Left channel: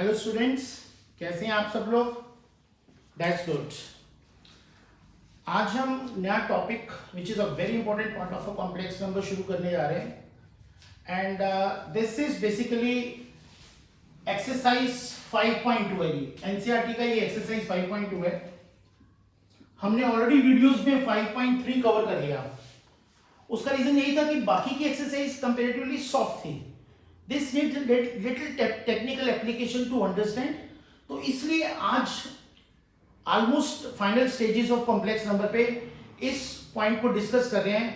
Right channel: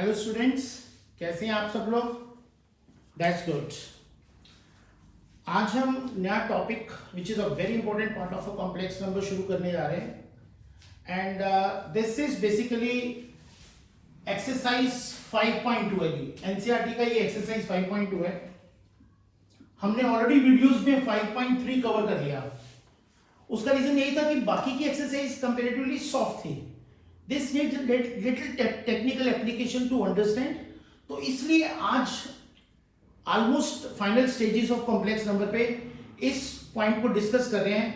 Hello students, कैसे हैं आप सब लोग? That's good. आज हम नया topic which is a very important part of a complex number शुरू करने जा रहे हैं and this is basically exercise 5.2 है जी। एनसीईआरटी का ये एक्सरसाइज 5.2 है। हमने ऑलरेडी वीडियोस में 5.3 कवर कर लिया। उसका रीजन यही था कि बाकी की एक्सरसाइज कंपैरेटिवली सॉफ्ट थी। This need little technical application to understand. तो इसलिए आज almost final stages of complex number पे इस पॉइंट को डिस्कस कर रहे हैं।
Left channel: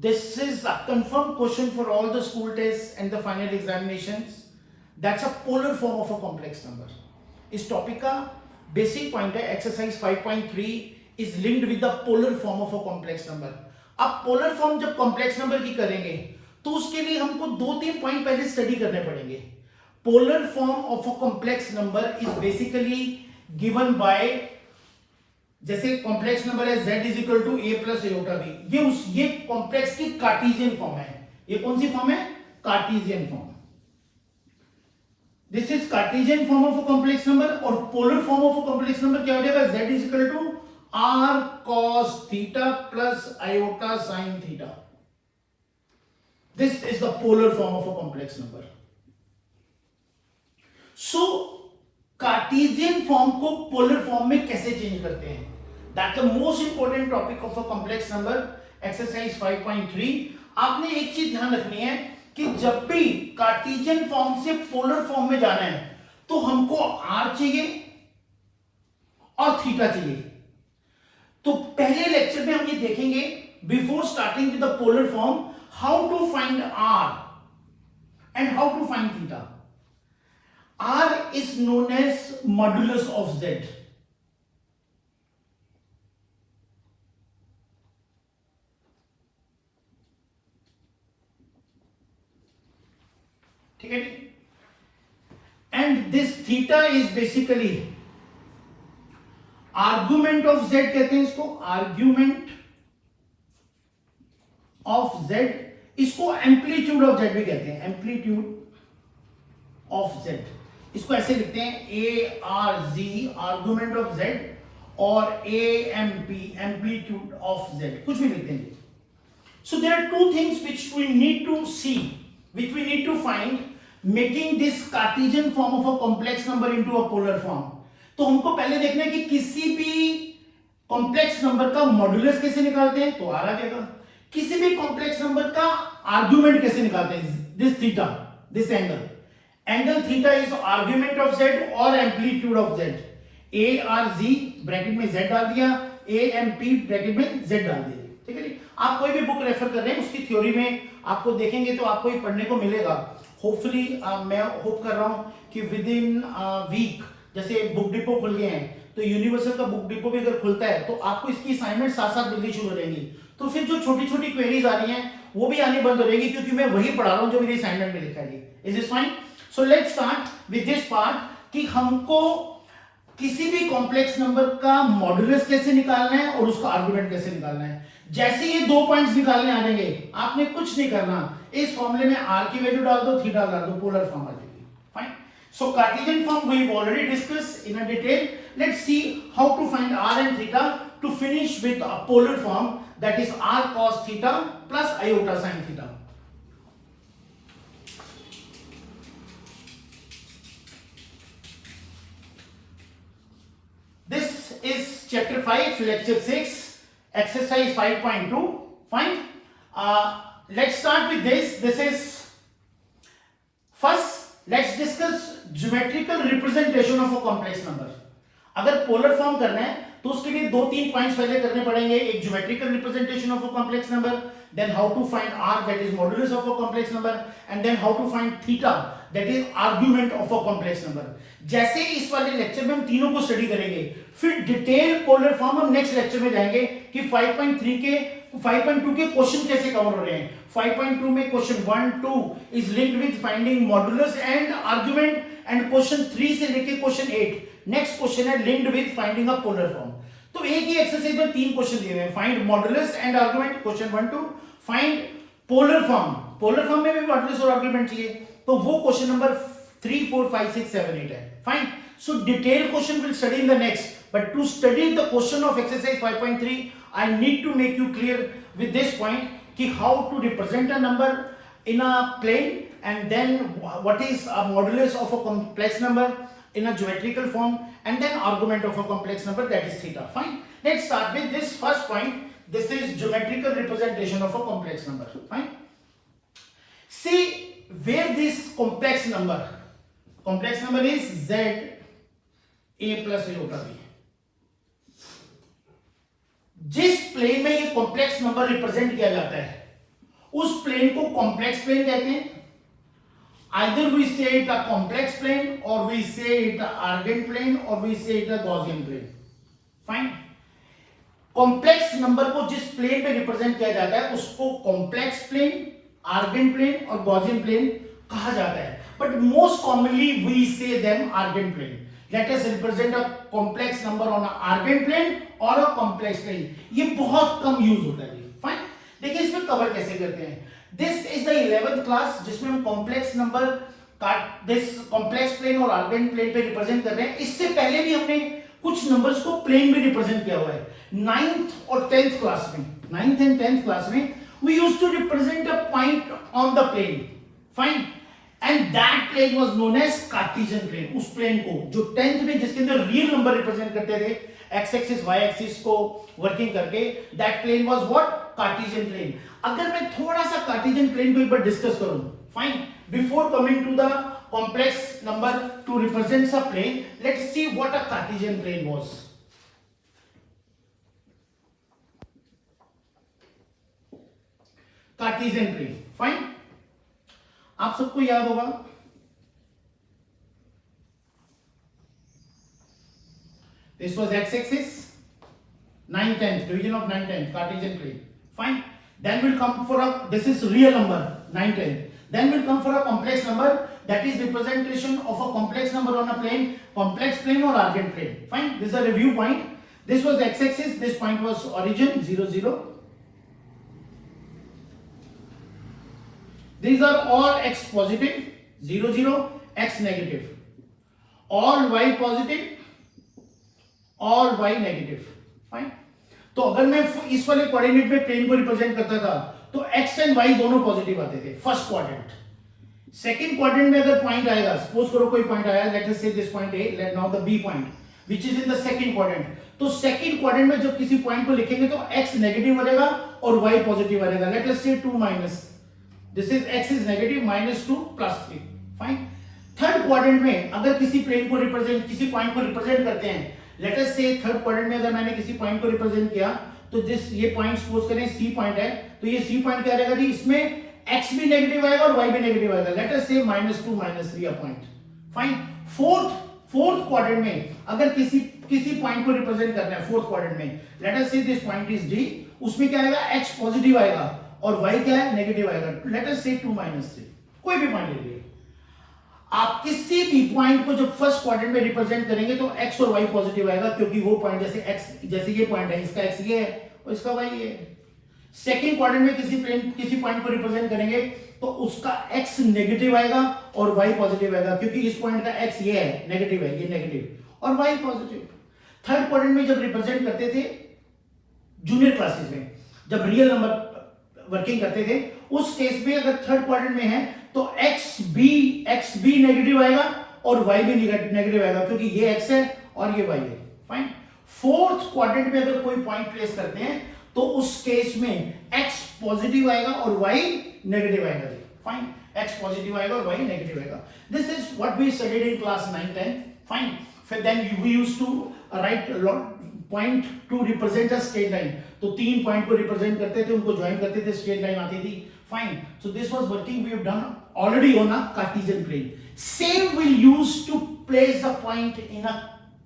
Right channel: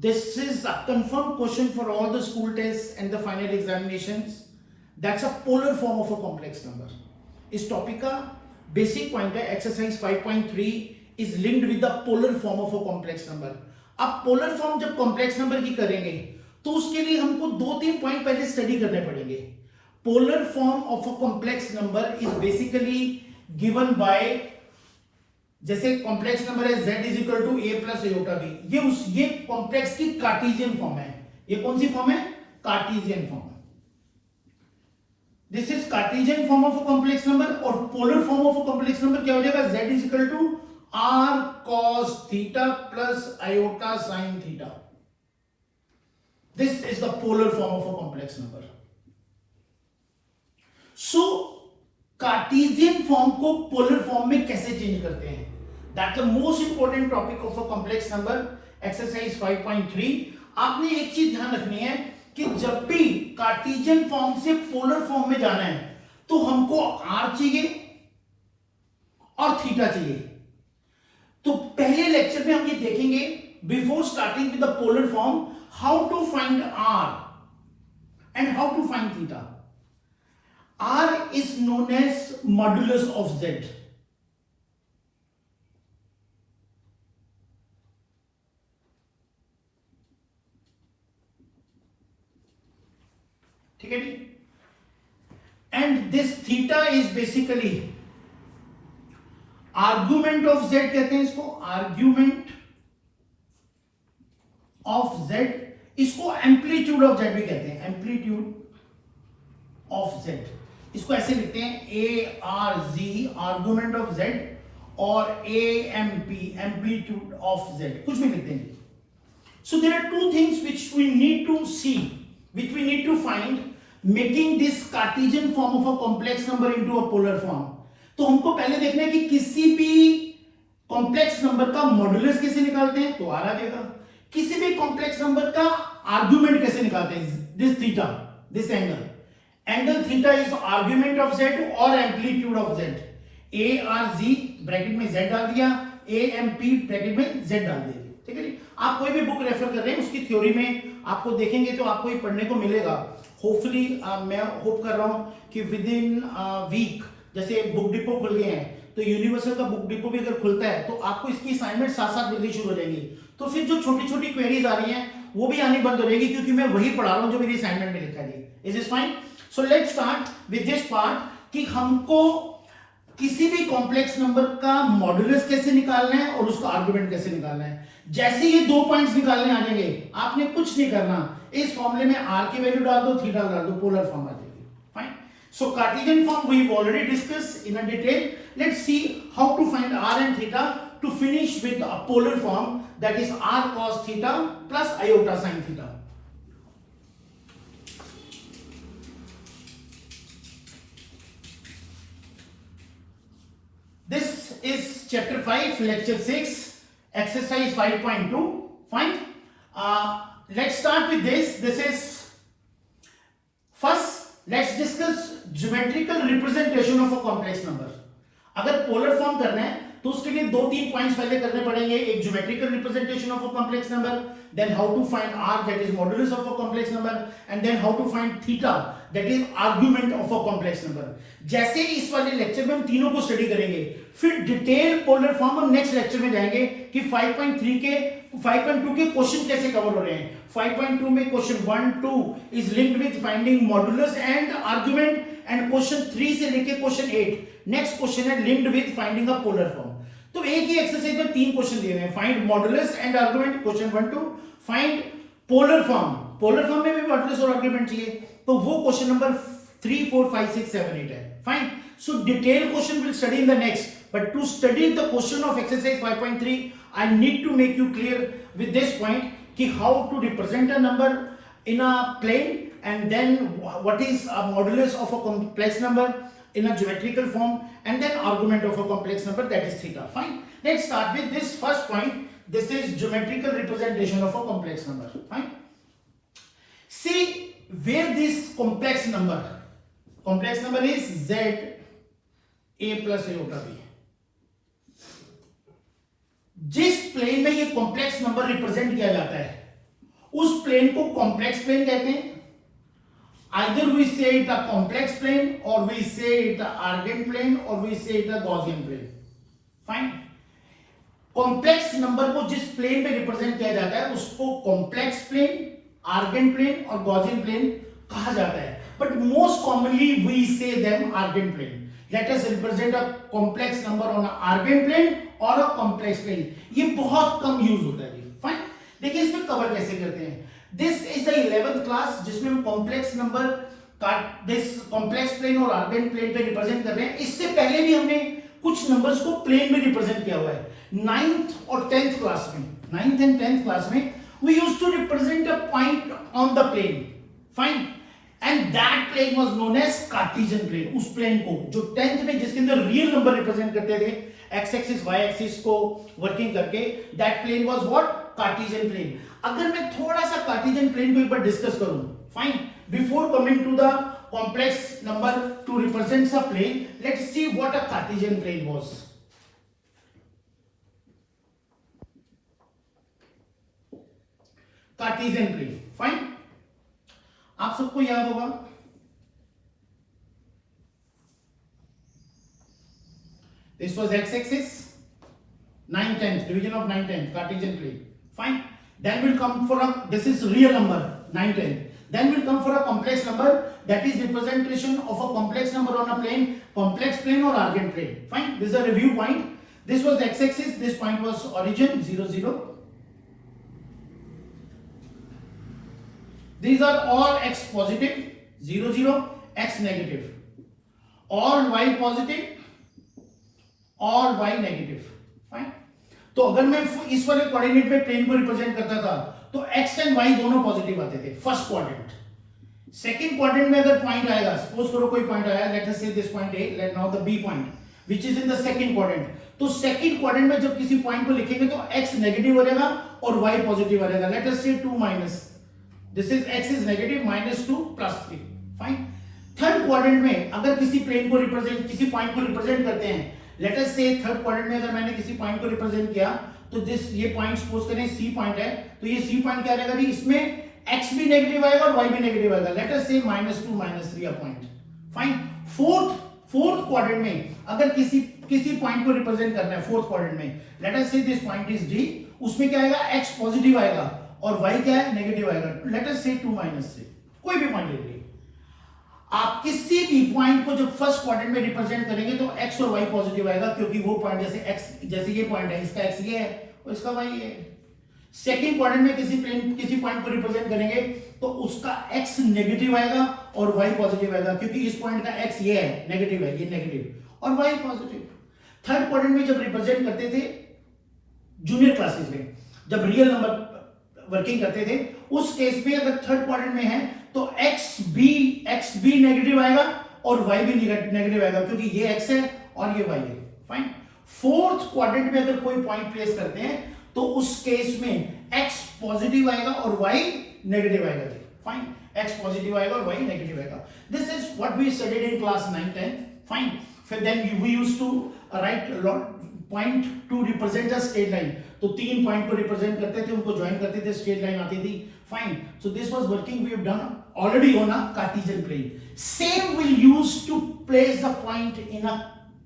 This is a confirm question for all the school test and the final examinations. That's a polar form of a complex number. इस टॉपिक का basic point है exercise 5.3 is linked with the polar form of a complex number. अब polar form जब complex number की करेंगे तो उसके लिए हमको 2-3 पॉइंट पहले स्टडी करने पड़ेंगे। Polar form of a complex number is basically given by, जैसे कॉम्प्लेक्स नंबर है z is equal to a plus iota b। ये कॉम्प्लेक्स की कार्टेशियन फॉर्म है। ये कौन सी फॉर्म है? Cartesian form. This is Cartesian form of a complex number. और polar form of a complex number क्या हो जाएगा? z is equal to r cos theta plus iota sin theta. This is the polar form of a complex number. So, Cartesian form को polar form में कैसे change करते हैं? That's the most important topic of a complex number, exercise 5.3. आपने एक चीज ध्यान रखनी है कि जब भी Cartesian form से polar form में जाना है तो हमको r चाहिए और थीटा चाहिए। तो पहले लेक्चर में हम ये देखेंगे, before starting with the polar form, how to find r and how to find theta. R is known as modulus of z. ठीक है जी। and this theta is basically argument of z कहते हैं इसको, argument of z। इसको amplitude of Z भी कहते हैं, amplitude of Z. इसको ऐसे लिखते हैं A R G, argument of Z, और A M P, amplitude of Z, कुछ भी लिखते हैं। So there are two things which we need to see, which we need to find making this Cartesian form of a complex number into a polar form. तो हमको पहले देखना है कि किसी भी कॉम्प्लेक्स नंबर का मॉड्यूलस कैसे निकालते हैं, तो आ जाएगा। किसी भी कॉम्प्लेक्स नंबर का आर्गुमेंट कैसे निकालते हैं? This theta, this angle theta is argument of Z और amplitude of Z. A R G bracket में जेड डाल दिया, ए एम पी ब्रैकेट में जेड डाल दिया। ठीक है जी। आप कोई भी बुक रेफर कर रहे हैं उसकी थ्योरी में आपको देखेंगे तो आपको ये पढ़ने को मिलेगा। होपफुली मैं होप कर रहा हूं कि विद इन वीक, जैसे बुक डिपो खुल गए हैं तो यूनिवर्सल का बुक डिपो भी अगर खुलता है तो आपको इसकी असाइनमेंट साथ साथ मिलनी शुरू हो जाएगी। तो फिर जो छोटी छोटी क्वेरीज आ रही हैं वो भी आनी बंद हो जाएगी, क्योंकि मैं वही पढ़ा रहा हूं जो मेरी असाइनमेंट में लिखा है। Is it fine? So let's start with this part कि हमको किसी भी कॉम्प्लेक्स नंबर का मॉड्यूलस कैसे निकालना है और उसका आर्गुमेंट कैसे निकालना है। जैसे ये 2 पॉइंट्स निकालने आ जाएंगे, आपने कुछ नहीं करना, इस फॉर्मूले में r की वैल्यू डाल दो, थीटा डाल दो, पोलर फॉर्म आ जाएगी। Fine. So Cartesian form we've already discussed in a detail. Let's see how to find r and theta to finish with a polar form, that is r cos theta plus iota sin theta. This is chapter 5, lecture 6, exercise 5.2. Fine. Let's start with this. This is first. Let's discuss geometrical representation of a complex number. अगर polar form करना है तो उसके लिए 2-3 points पहले करने पड़ेंगे। एक geometrical representation of a complex number, then how to find r, that is modulus of a complex number, and then how to find theta, that is argument of a complex number. जैसे इस वाले lecture में हम तीनों को study करेंगे, फिर detail polar form हम नेक्स्ट लेक्चर में जाएंगे कि 5.2 के क्वेश्चन कैसे कवर हो रहे हैं। 5.2 में question 1, 2 is linked with finding modulus and argument, and question 3 से लेके क्वेश्चन 8 नेक्स्ट क्वेश्चन है linked with finding a polar form. तो एक ही एक्सरसाइज में 3 क्वेश्चन दिए हुए हैं, find modulus and argument question 1, 2, find polar form में भी मॉड्यूलस और आर्गुमेंट चाहिए, तो वो क्वेश्चन नंबर 3 4 5 6 7 8 है. Fine. So detailed question will study in the next, but to study the question of exercise 5.3 I need to make you clear with this point कि how to represent a number in a plane, and then what is a modulus of a complex number in a geometrical form, and then argument of a complex number, that is theta. Fine. Let's start with this first point. This is geometrical representation of a complex number. Fine. See where this complex number is z a plus iota b. जिस plane में ये complex number represent किया जाता है उस plane को complex plane कहते हैं. Either we say it a complex plane, or we say it a Argand plane, or we say it a Gaussian plane. Fine. Complex number को जिस प्लेन में रिप्रेजेंट किया जाता है उसको कॉम्प्लेक्स प्लेन, आर्गेंट प्लेन और गॉसियन प्लेन कहा जाता है. But most commonly we say them Argand plane. Let us represent a complex number on a Argand plane और अ कॉम्प्लेक्स प्लेन. ये बहुत कम यूज होता है. फाइन. देखिए इसमें कवर कैसे करते हैं. This is the 11th class जिसमें हम कॉम्प्लेक्स नंबर का दिस कॉम्प्लेक्स प्लेन और आर्गेंट प्लेन पे रिप्रेजेंट कर रहे हैं. इससे पहले भी हमने कुछ नंबर्स को प्लेन में रिप्रेजेंट किया हुआ है. 9th और 10th क्लास में, 9th and 10th क्लास में we used to represent a point on the plane. Fine. And that plane was known as Cartesian plane. उस प्लेन को जो 10th में जिसके अंदर रियल नंबर रिप्रेजेंट करते थे x एक्सिस y एक्सिस को वर्किंग करके, that plane was what? Cartesian plane. अगर मैं थोड़ा सा Cartesian plane को एक बार डिस्कस करूं, fine, before coming to the complex number to represent a plane, let's see what a Cartesian plane was. Cartesian plane. Fine. आप सबको याद होगा this was x axis, 9 10th division of 9 10th Cartesian plane. Fine. Then we'll come for a, this is real number 9 10th. Then we'll come for a complex number, that is representation of a complex number on a plane, complex plane or Argand plane. Fine. This is a review point. This was x axis, this point was origin 0 0. These are all x positive, 0 0, x negative, all y positive, all y negative. Fine. तो अगर मैं इस वाले coordinate में plane को represent करता था तो x एंड y दोनों पॉजिटिव आते थे फर्स्ट क्वाड्रेंट. सेकंड क्वाड्रेंट में अगर पॉइंट आएगा, सपोज करो कोई पॉइंट आया, let us say this point A, let now the B point which is in the second quadrant. तो सेकंड क्वाड्रेंट में जब किसी पॉइंट को लिखेंगे तो x नेगेटिव हो जाएगा और y पॉजिटिव आ जाएगा. लेट अस से 2 minus, this is x is negative -2 +3. Fine. Third quadrant में अगर किसी प्लेन को रिप्रेजेंट, किसी पॉइंट को रिप्रेजेंट करते हैं, लेट अस से थर्ड क्वाड्रेंट में अगर मैंने किसी पॉइंट को रिप्रेजेंट किया तो दिस ये पॉइंट सपोज करें C पॉइंट है, तो ये C पॉइंट क्या रहेगा जी, इसमें x भी नेगेटिव आएगा और y भी नेगेटिव आएगा. लेट अस से -2 -3 a point. Fine. Fourth quadrant में अगर किसी पॉइंट को रिप्रेजेंट करना है फोर्थ क्वाड्रेंट में, late us say this point is D, उसमें क्या आएगा, x पॉजिटिव आएगा और y क्या है, नेगेटिव आएगा. लेट अस से 2 -3, कोई भी पॉइंट ले लीजिए. आप किसी भी पॉइंट को जब फर्स्ट क्वाड्रेंट में रिप्रेजेंट करेंगे तो x और y पॉजिटिव आएगा, क्योंकि वो पॉइंट जैसे ये पॉइंट है, इसका x ये है और इसका y ये है. सेकंड क्वाड्रेंट में किसी पॉइंट को रिप्रेजेंट करेंगे तो उसका x नेगेटिव आएगा और y पॉजिटिव आएगा, क्योंकि इस पॉइंट का x ये है, नेगेटिव है, ये नेगेटिव और y पॉजिटिव. थर्ड क्वाड्रेंट में जब रिप्रेजेंट करते थे जूनियर क्लासेस में, जब रियल नंबर वर्किंग करते थे, उस केस में अगर थर्ड क्वाड्रेंट में है तो x भी नेगेटिव आएगा और y भी नेगेटिव आएगा, क्योंकि ये x है और ये y है. फाइन. फोर्थ क्वाड्रेंट में अगर कोई पॉइंट प्लेस करते हैं तो उस केस में x पॉजिटिव आएगा और y नेगेटिव आएगा. फाइन. x पॉजिटिव आएगा और y नेगेटिव आएगा. This is what we studied in class 9 10. Fine. फिर then we used to write point to represent a straight line. तो 3 पॉइंट को रिप्रेजेंट करते थे, उनको ज्वाइन करते थे, स्ट्रेट लाइन आती थी. Fine. So this was working we have done already on a Cartesian plane. Same we'll use to place the point in a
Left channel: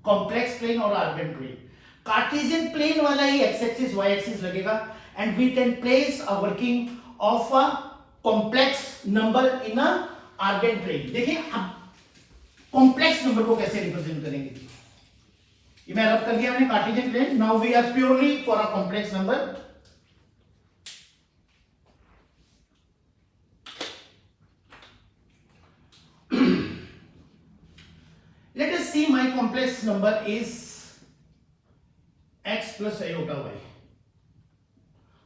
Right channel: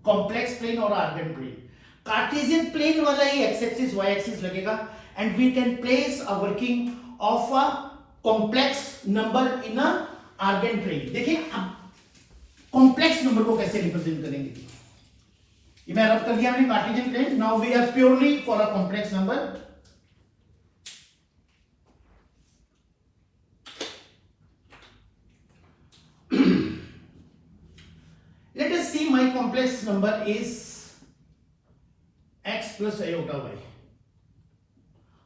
complex plane or Argand plane. Cartesian plane वाला ही x axis y axis लगेगा and we can place a working of a complex number in a Argand plane. देखिए अब complex number को कैसे represent करेंगे. ये मैं रब कर दिया मैंने Cartesian plane. Now we are purely for a complex number. see my complex number is x plus iota y.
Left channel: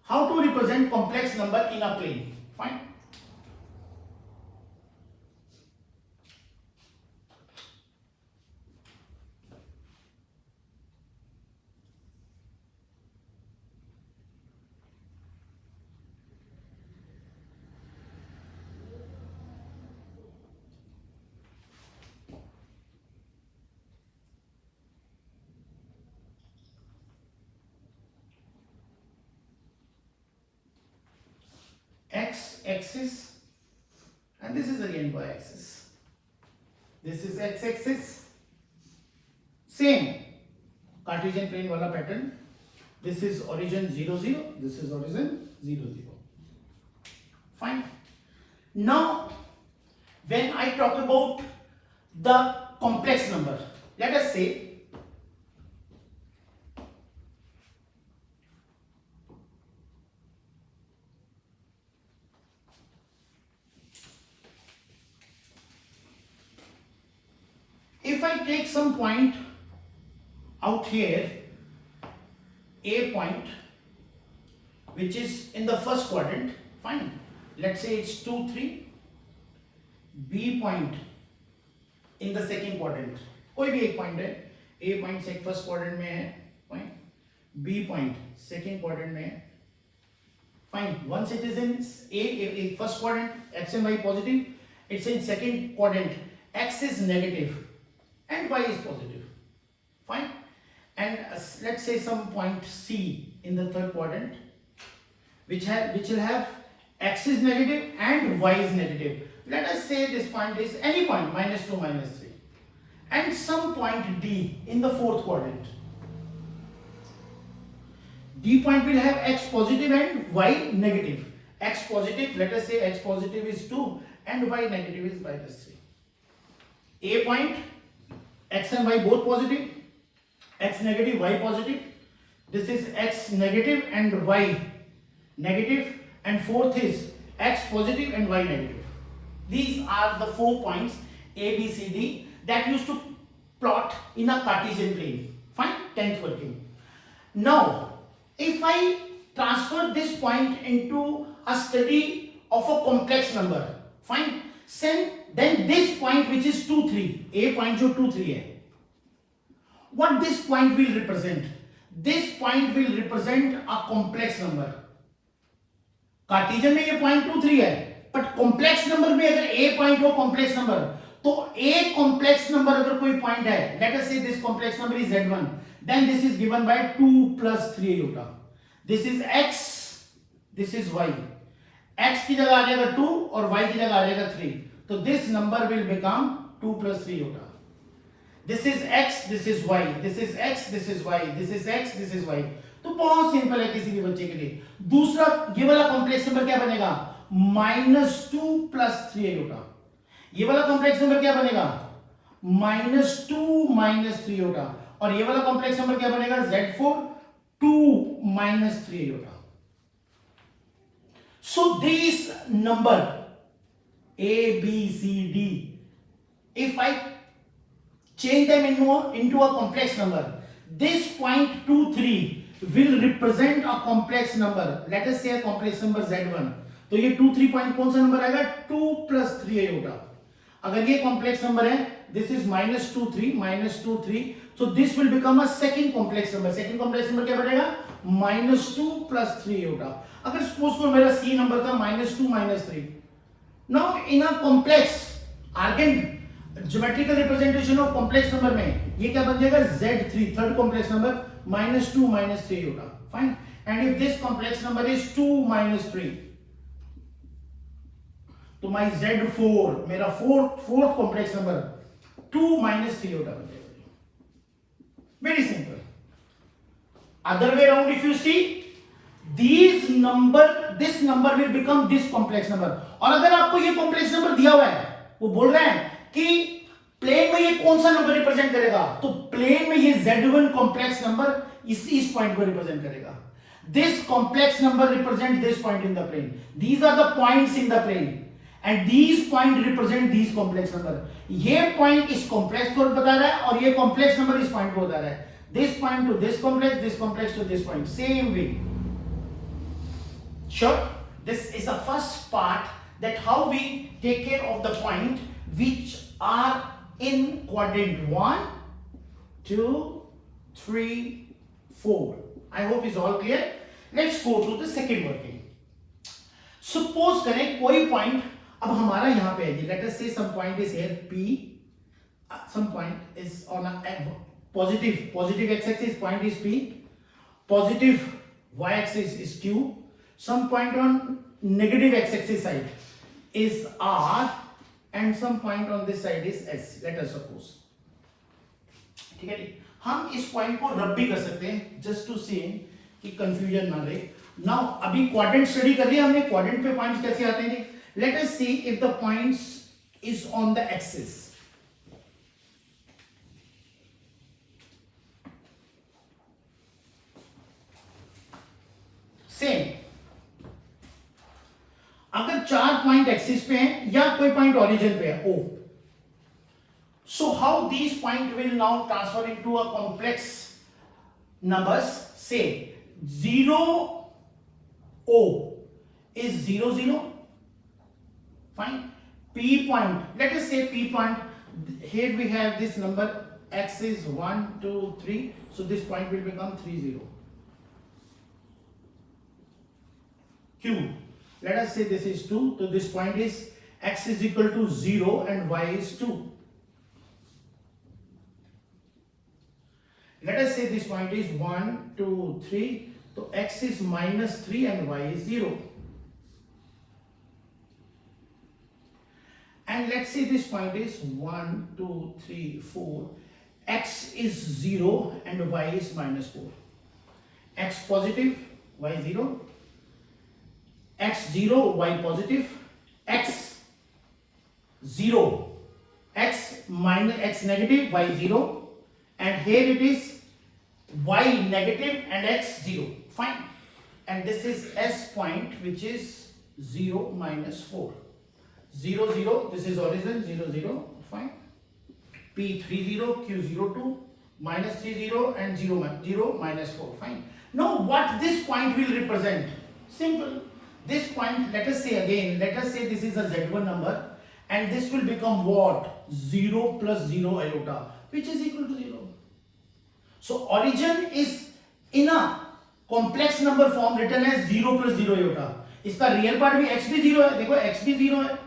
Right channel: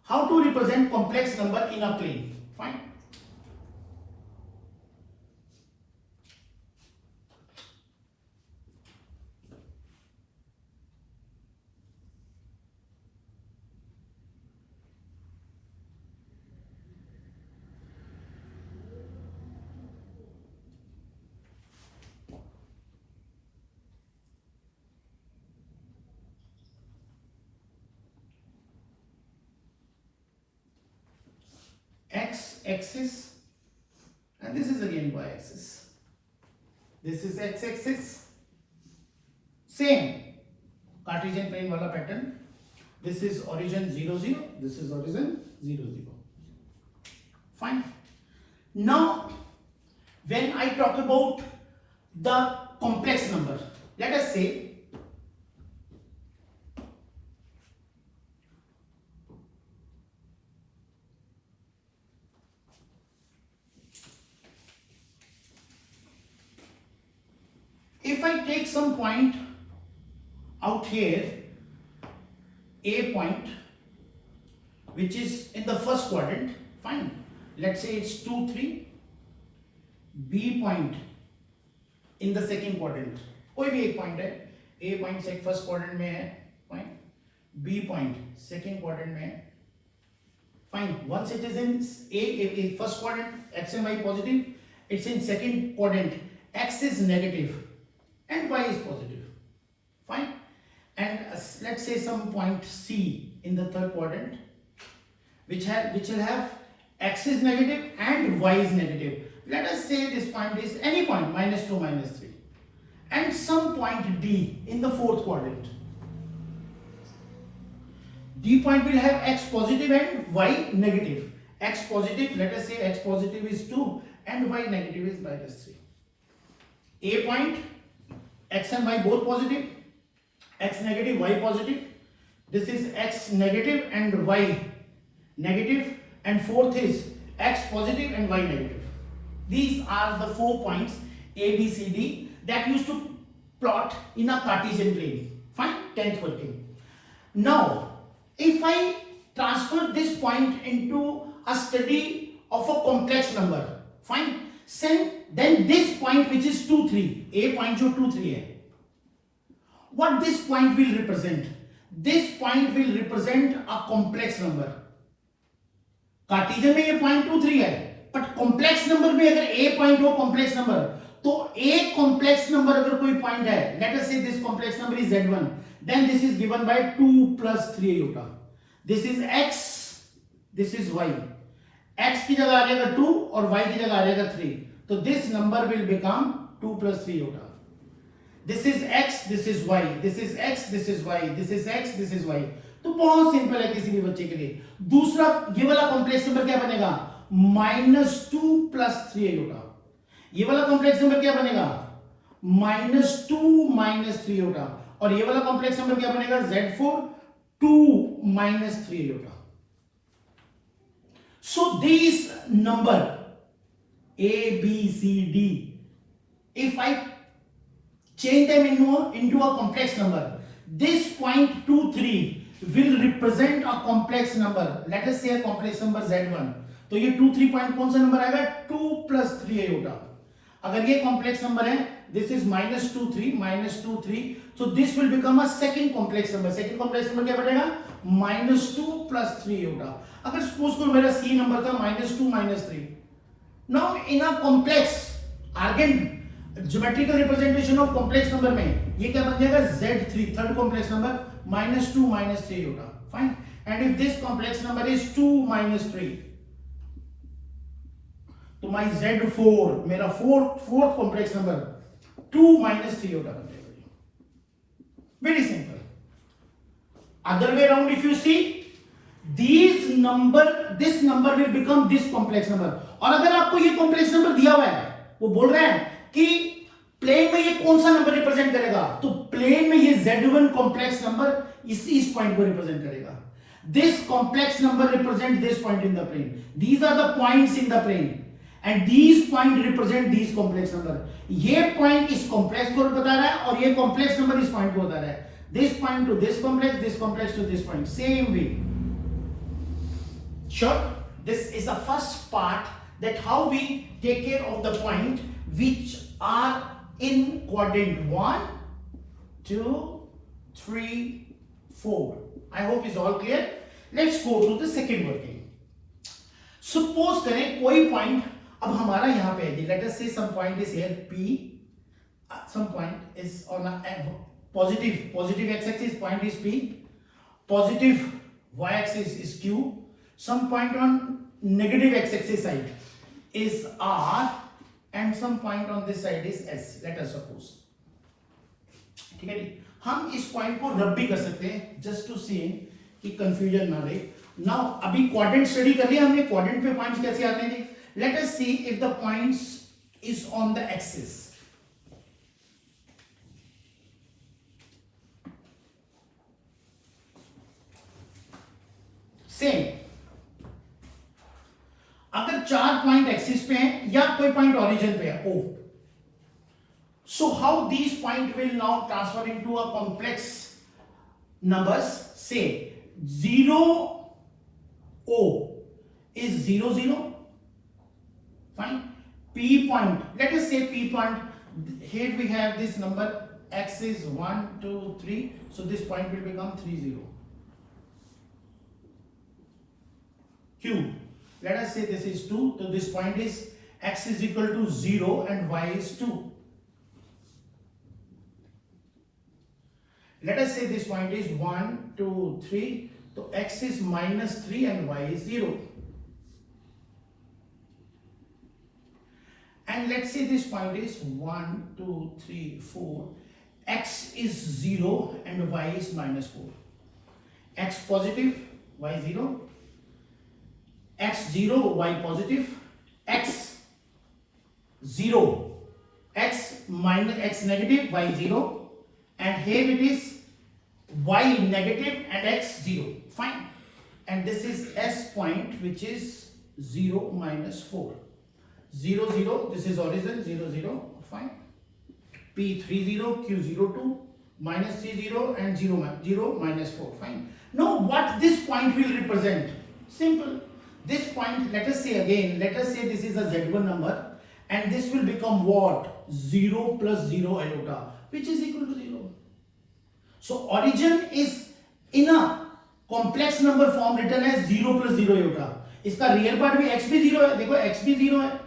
How to represent complex number in a plane? Fine. X axis and this is again y axis. This is x axis, same Cartesian plane wala pattern. This is origin 0 0, this is origin 0 0. Fine. Now when I talk about the complex number, let us say if I take some point out here, a point which is in the first quadrant, fine, let's say it's 2 3, b point in the second quadrant, कोई भी एक point है, a point से first quadrant में है point, b point second quadrant में है, fine. Once it is in a first quadrant, x and y positive, it's in second quadrant, x is negative and y is positive, fine. And let's say some point C in the third quadrant which will have x is negative and y is negative. Let us say this point is any point -2 -3, and some point D in the fourth quadrant. D point will have x positive and y negative. X positive, let us say x positive is 2 and y negative is -3. A point, x and y both positive, x negative, y positive. This is x negative and y negative, and fourth is x positive and y negative. These are the 4 points A, B, C, D that used to plot in a Cartesian plane. Fine, 10th working. Now, if I transfer this point into a study of a complex number, fine, then this point which is 2 3, A point जो 2 3 है, what this point will represent? This point will represent a complex number. Cartesian में ये point 2 3 है, but complex number में अगर a point हो complex number, तो a complex number अगर कोई पॉइंट है, let us say this complex number is z1, then this is given by 2 plus 3 iota. This is x, this is y. x की जगह आ जाएगा 2 और y की जगह आ जाएगा 3, तो this number will become 2 plus 3 iota. This is x, this is y, this is x, this is y, this is x, this is y. तो बहुत सिंपल है किसी भी बच्चे के लिए. दूसरा ये वाला कॉम्प्लेक्स नंबर क्या बनेगा? -2 plus 3 iota. ये वाला कॉम्प्लेक्स नंबर क्या बनेगा? -2 minus 3 iota. और ये वाला कॉम्प्लेक्स नंबर क्या बनेगा? z4 2 minus 3 iota. So these number A, B, C, D, if I change them into a complex number, this point 2 3 will represent a complex number. Let us say a complex number z1. तो ये 2 3 point कौन सा number आएगा? 2 plus 3 iota. अगर ये complex number है, this is -2 3, so this will become a second complex number. Second complex number क्या बनेगा? -2 plus 3 iota. अगर सपोज को मेरा C नंबर था -2 -3. Now in a complex argand geometrical representation of complex number में ये क्या बन जाएगा? Z3 third complex number -2 -3 iota. Fine. And if this complex number is 2 -3, तो my Z4 मेरा फोर्थ कॉम्प्लेक्स नंबर 2 -3 iota बन जाएगा. Very simple. Other way around if you see, this number will become this complex number. और अगर आपको ये complex number दिया हुआ है, वो बोल रहा है कि प्लेन में ये कौन सा नंबर रिप्रेजेंट करेगा, तो प्लेन में ये Z1 कॉम्प्लेक्स नंबर इस पॉइंट को रिप्रेजेंट करेगा. This complex number represent this point in the plane. These are the points in the plane. And these point represent these complex number. ये point इस complex को बता रहा है और ये कॉम्प्लेक्स नंबर इस पॉइंट को बता रहा है। This point to this complex to this point, same way. Sure, this is the first part, that how we take care of the point which are in quadrant 1, 2, 3, 4. I hope it's all clear. Let's go to the second working. Suppose करें कोई point अब हमारा यहाँ पे है, let us say some point is here P, some point is on a positive x-axis, point is P, positive y-axis is Q, some point on negative x-axis side is R, and some point on this side is S, let us suppose। ठीक है जी, हम इस point को रब भी कर सकते हैं जस्ट टू सी कि कंफ्यूजन ना रहे। नाउ अभी क्वाड्रेंट स्टडी कर लिया हमने, क्वाड्रेंट पे पॉइंट्स कैसे आते हैं जी। Let us see if the points is on the axis. Same, अगर 4 पॉइंट एक्सिस पे हैं या कोई पॉइंट ओरिजिन पे है O, so how these point will now transfer into a complex numbers? Say 0 O is 0 0, fine. P point, let us say P point, here we have this number x is 1 2 3, so this point will become 3 0. Q, let us say this is 2, so this point is x is equal to 0 and y is 2. Let us say this point is 1 2 3, so x is minus 3 and y is 0. And let's say this point is 1 2 3 4, x is 0 and y is minus 4. X positive, y 0, x 0 y positive, x 0 x minus x negative y 0, and here it is y negative and x 0, fine. And this is S point which is 0 minus 4, 0 0, this is origin 0 0, fine. P 3 0, Q 0 2, minus 3 0 and 0 0 minus 4, fine. Now what this point will represent? Simple. This point, let us say again, let us say this is a Z1 number and this will become what? 0 plus 0 iota, which is equal to 0. So origin is in a complex number form written as 0 plus 0 iota. इसका real part भी x भी 0 है, देखो x भी 0 है.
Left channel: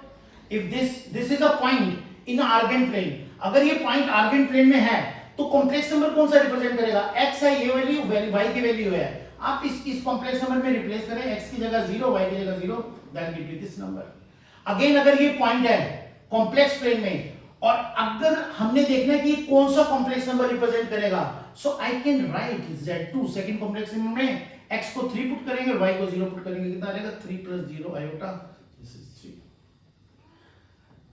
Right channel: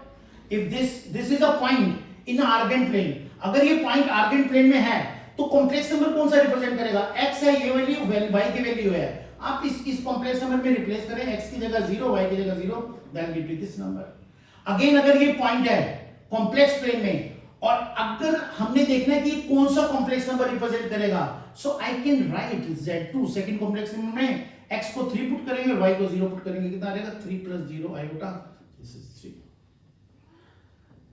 If this is a point in a argand plane, अगर ये point argand plane में है तो complex number कौन सा represent करेगा? x है, ये value y की value है. आप इस कॉम्प्लेक्स नंबर में रिप्लेस करें, x की जगह 0 y की जगह 0, that give you this number. Again अगर ये पॉइंट है कॉम्प्लेक्स प्लेन में और अगर हमने देखना है कि कौन सा कॉम्प्लेक्स नंबर रिप्रेजेंट करेगा, so I can write z2 second complex number में x को 3 पुट करेंगे और y को 0 पुट करेंगे, कितना आ जाएगा 3 plus 0 iota, this is 3।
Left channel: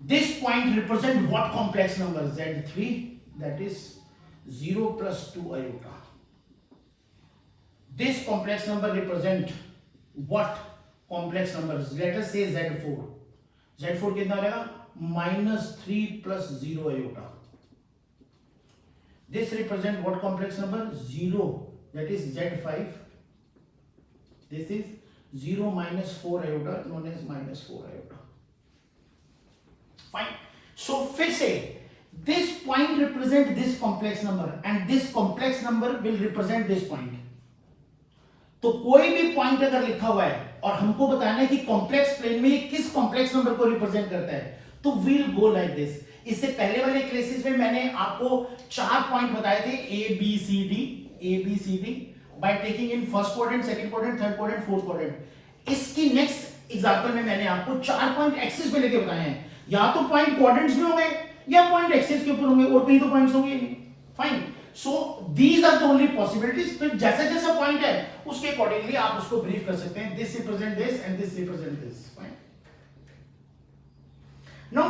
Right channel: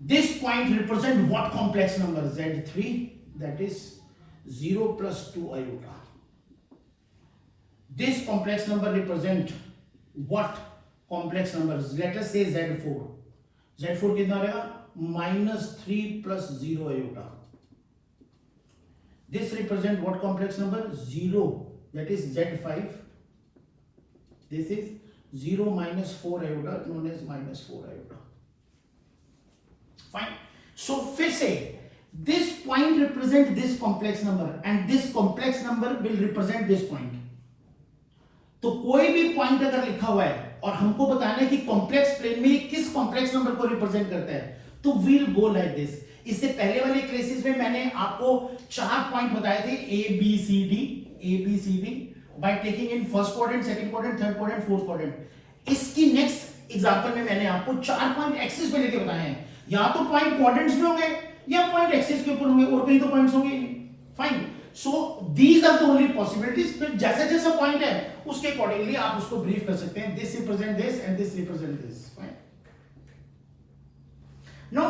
This point represent what complex number? z3, that is 0 plus 2 iota। This complex number represent what complex numbers? Let us say Z4. Z4 कितना रहेगा? minus 3 plus 0 iota. This represent what complex number? 0. That is Z5. This is 0 minus 4 iota, known as minus 4 iota. Fine. So फिर से this point represent this complex number and this complex number will represent this point. तो कोई भी point अगर लिखा हुआ है और हमको बताना है कि कॉम्प्लेक्स प्लेन में किस कॉम्प्लेक्स नंबर को रिप्रेजेंट करता है, तो वील गो लाइक दिस। इससे पहले वाले क्लासेस में मैंने आपको 4 पॉइंट बताए थे A B C D by taking in first quadrant, second quadrant, third quadrant, fourth quadrant. इसकी नेक्स्ट एग्जांपल में मैंने आपको 4 पॉइंट एक्सिस पे लेके बताए हैं, या तो पॉइंट क्वाड्रेंट्स में होंगे या पॉइंट एक्सिस के ऊपर होंगे, और कहीं तो पॉइंट्स होंगे। Fine, so these are the only possibilities. फिर जैसा जैसा पॉइंट है उसके अकॉर्डिंगली आप उसको ब्रीफ कर सकते हैं, this represent this and this represent this. Fine, now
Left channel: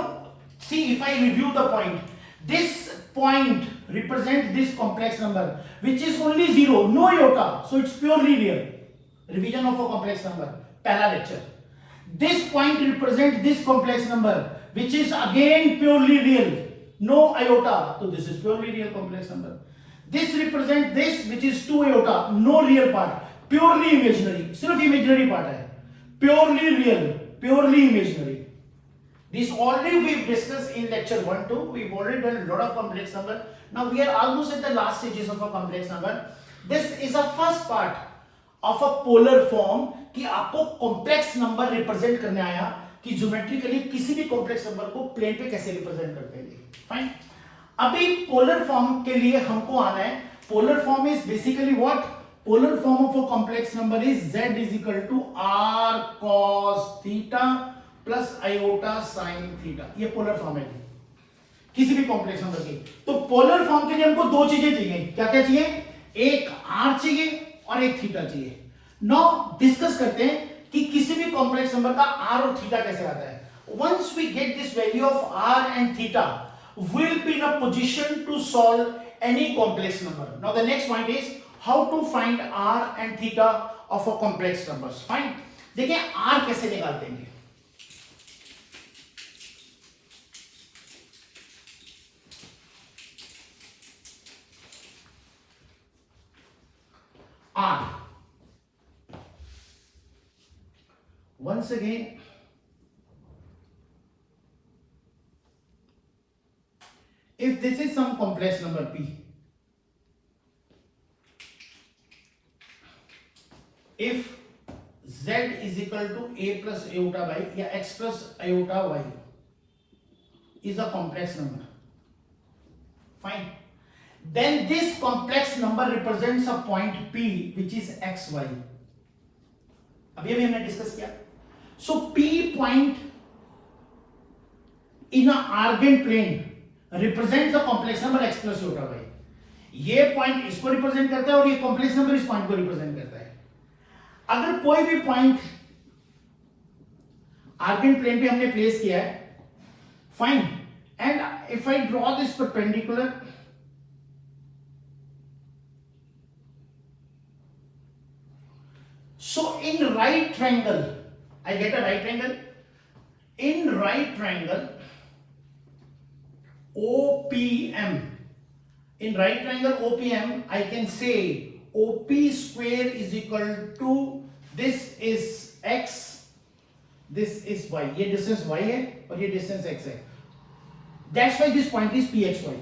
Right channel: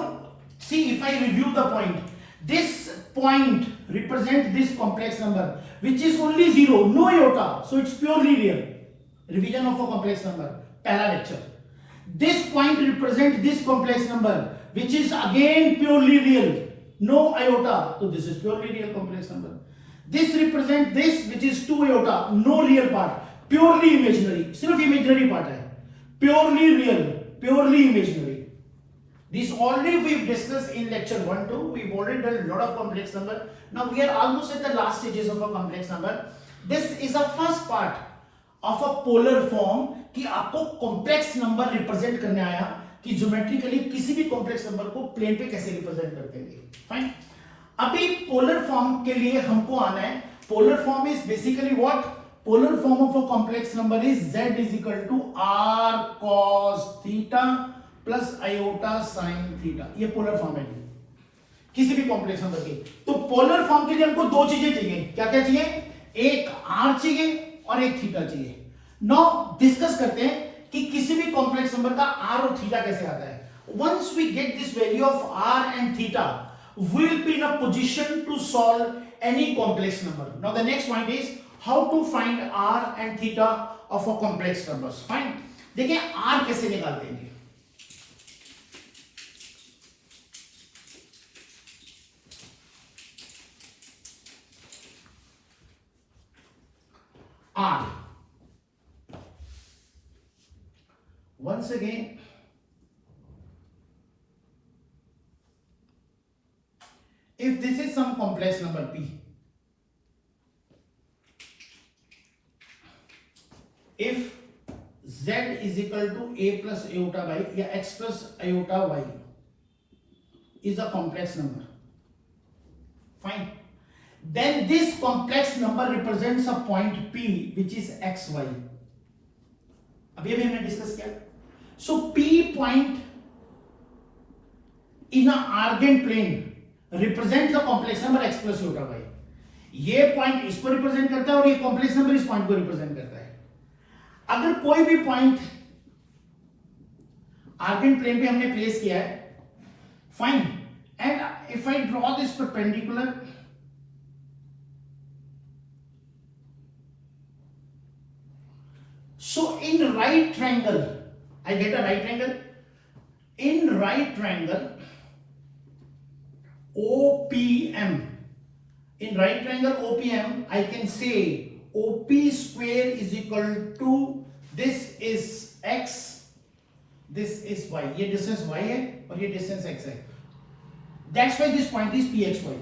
see if I review the point, this point represent this complex number which is only 0, no iota, so it's purely real. Revision of a complex number, पहला lecture. This point represent this complex number which is again purely real, no iota, so this is purely real complex number. This represent this which is 2 iota, no real part, purely imaginary, सिर्फ imaginary part है, purely real, purely imaginary. This already we've discussed in lecture 1 2. We've already done a lot of complex number. Now we are almost at the last stages of a complex number. This is a first part of a polar form कि आपको complex number represent करने आया कि geometrically किसी भी complex number को plane पे कैसे रिप्रेजेंट करते हैं. फाइन. अभी पोलर फॉर्म के लिए हमको आना है. Polar form is basically what? Polar form of a complex number is z is equal to r cos theta plus iota sine theta. ये पोलर फॉर्म है किसी भी कॉम्प्लेक्स नंबर की. तो पोलर फॉर्म के लिए हमको दो चीजें चाहिए. क्या क्या चाहिए? एक r चाहिए और एक थीटा चाहिए. नाउ डिस्कस करते हैं कि किसी भी कॉम्प्लेक्स नंबर का r और थीटा कैसे आता है. once we get this value of r and theta, we'll be in a position to solve any complex number. Now the next point is how to find r and theta of a complex numbers. Fine. देखिए r कैसे निकालते हैं. r, once again if this is some complex number p, if z is equal to a plus iota y या x plus iota y is a complex number, fine, then this complex number represents a point p which is xy. अभी हमने discuss किया. सो p point in a argand plane represents the complex number x plus iota y. ये point इसको represent करता है और ये complex number इस पॉइंट को रिप्रेजेंट करता है. अगर कोई भी पॉइंट आर्गेंड प्लेन पे हमने प्लेस किया है, fine, and if I draw this perpendicular, so in right triangle I get a right triangle. In right triangle OPM, in right triangle OPM I can say OP square is equal to, this is x, this is y. ये distance y है और ये distance x है. That's why this point is pxy.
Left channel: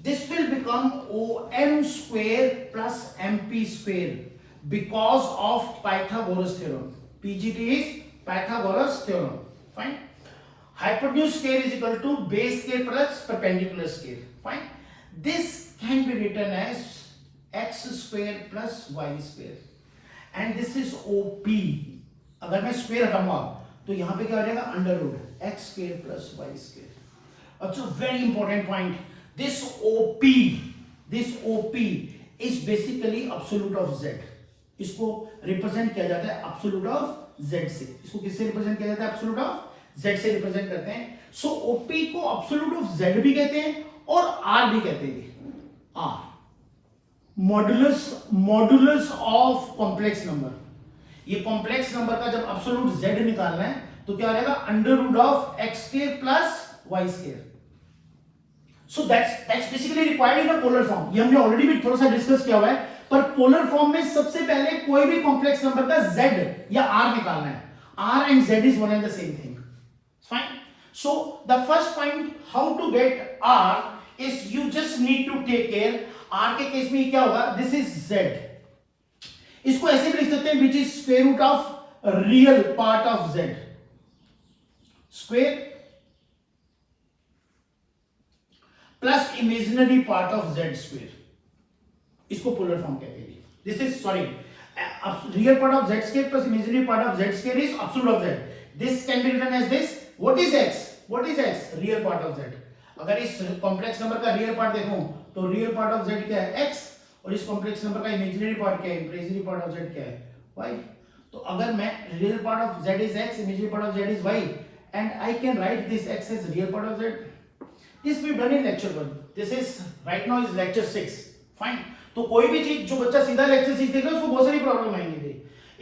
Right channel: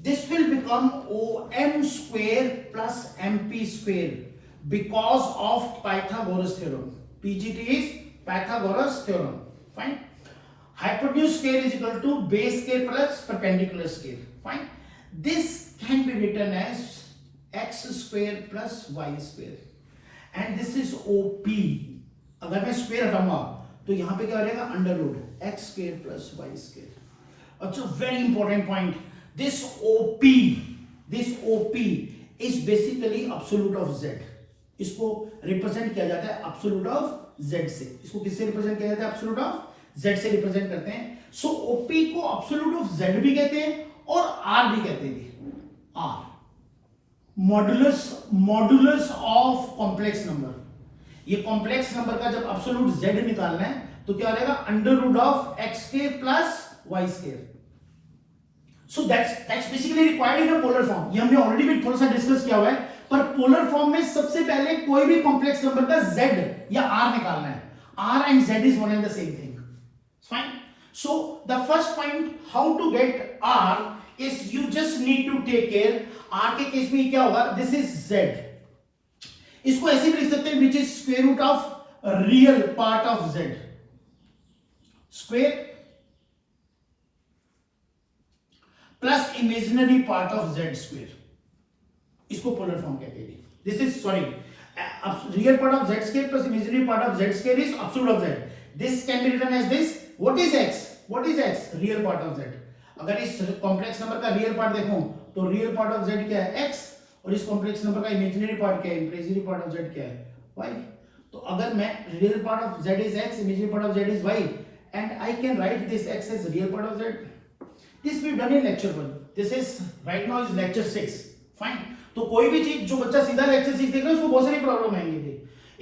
This will become OM square plus MP square because of Pythagoras theorem. PGT is Pythagoras theorem. Fine. Hypotenuse square is equal to base square plus perpendicular square. Fine. This can be written as x square plus y square. And this is OP. अगर मैं square हटाऊंगा तो यहां पे क्या हो जाएगा? Under root x square plus y square. It's a very important point. This OP is basically absolute of z. इसको represent किया जाता है एब्सोल्यूट ऑफ z से. इसको किससे रिप्रेजेंट किया जाता है? एब्सोल्यूट ऑफ z से रिप्रेजेंट करते हैं. सो OP को एब्सोल्यूट ऑफ z भी कहते हैं और r भी कहते हैं. r modulus of complex number. ये कॉम्प्लेक्स नंबर का जब एब्सोल्यूट z निकालना है तो क्या हो जाएगा? Under root of x square plus y square. So that's basically required in a polar form. ये हमने ऑलरेडी भी थोड़ा सा डिस्कस किया हुआ है. पर पोलर फॉर्म में सबसे पहले कोई भी कॉम्प्लेक्स नंबर का z या r निकालना है. r and z is one and the same thing. Fine. So the first point how to get r is you just need to take care. r के केस में क्या होगा? This is z. इसको ऐसे भी लिख सकते हैं which is square root of real part of z. Square plus imaginary part of z square. इसको पोलर फॉर्म कहते हैं. This is sorry real part of z square plus imaginary part of z square is absolute of z. This can be written as this. What is x? Real part of z. अगर इस complex number का real part देखूं तो real part of z क्या है? x. और इस complex number का इमेजिनरी पार्ट क्या है? इमेजिनरी पार्ट ऑफ z क्या है? y. तो अगर मैं real part of z is x, imaginary part of z is y, and I can write this x as real part of z. This we done in lecture 1. This is right now is lecture 6. Fine. तो कोई भी चीज जो बच्चा सीधा lecture सीख देगा उसको बहुत सारी प्रॉब्लम आएंगी.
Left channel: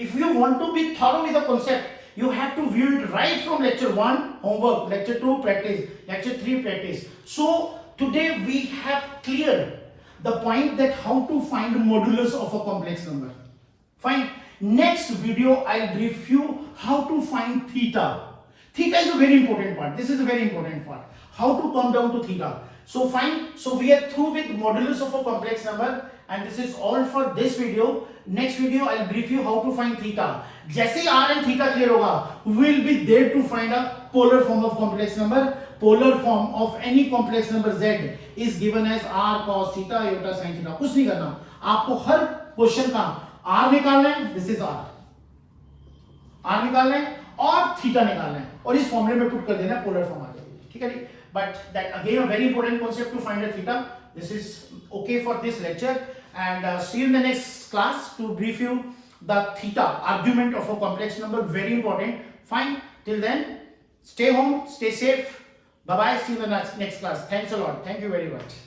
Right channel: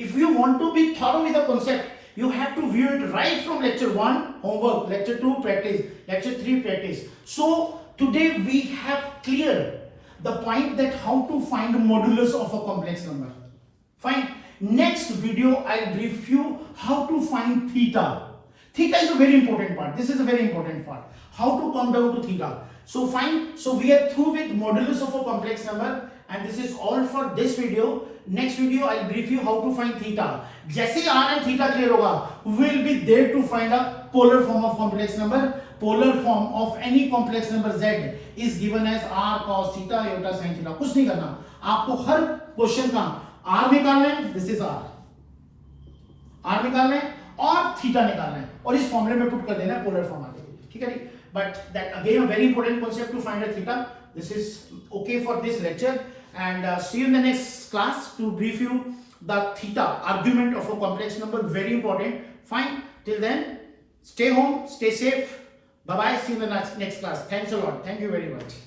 If you want to be thorough with the concept You have to view it right from lecture 1, homework, lecture 2, practice, lecture 3, practice. So today we have clear the point that how to find modulus of a complex number. Fine. Next video I'll brief you how to find theta. Theta is a very important part. This is a very important part. How to come down to theta. So fine. So we are through with modulus of a complex number, and this is all for this video. Next video I'll brief you how to find theta. जैसे ही r and theta clear होगा, we will be there to find a polar form of complex number. Polar form of any complex number z is given as r cos theta iota sin theta. कुछ नहीं करना, आपको हर question का r निकालना है. This is r निकालना है और थीटा निकालना है और इस फॉर्मूले में पुट कर देना है, पोलर फॉर्म आ जाएगी. ठीक है जी. But that again a very important concept to find a theta. This is okay for this lecture, and see you in the next class to brief you the theta argument of a complex number. Very important. Fine. Till then, stay home, stay safe. Bye bye. See you in the next class. Thanks a lot. Thank you very much.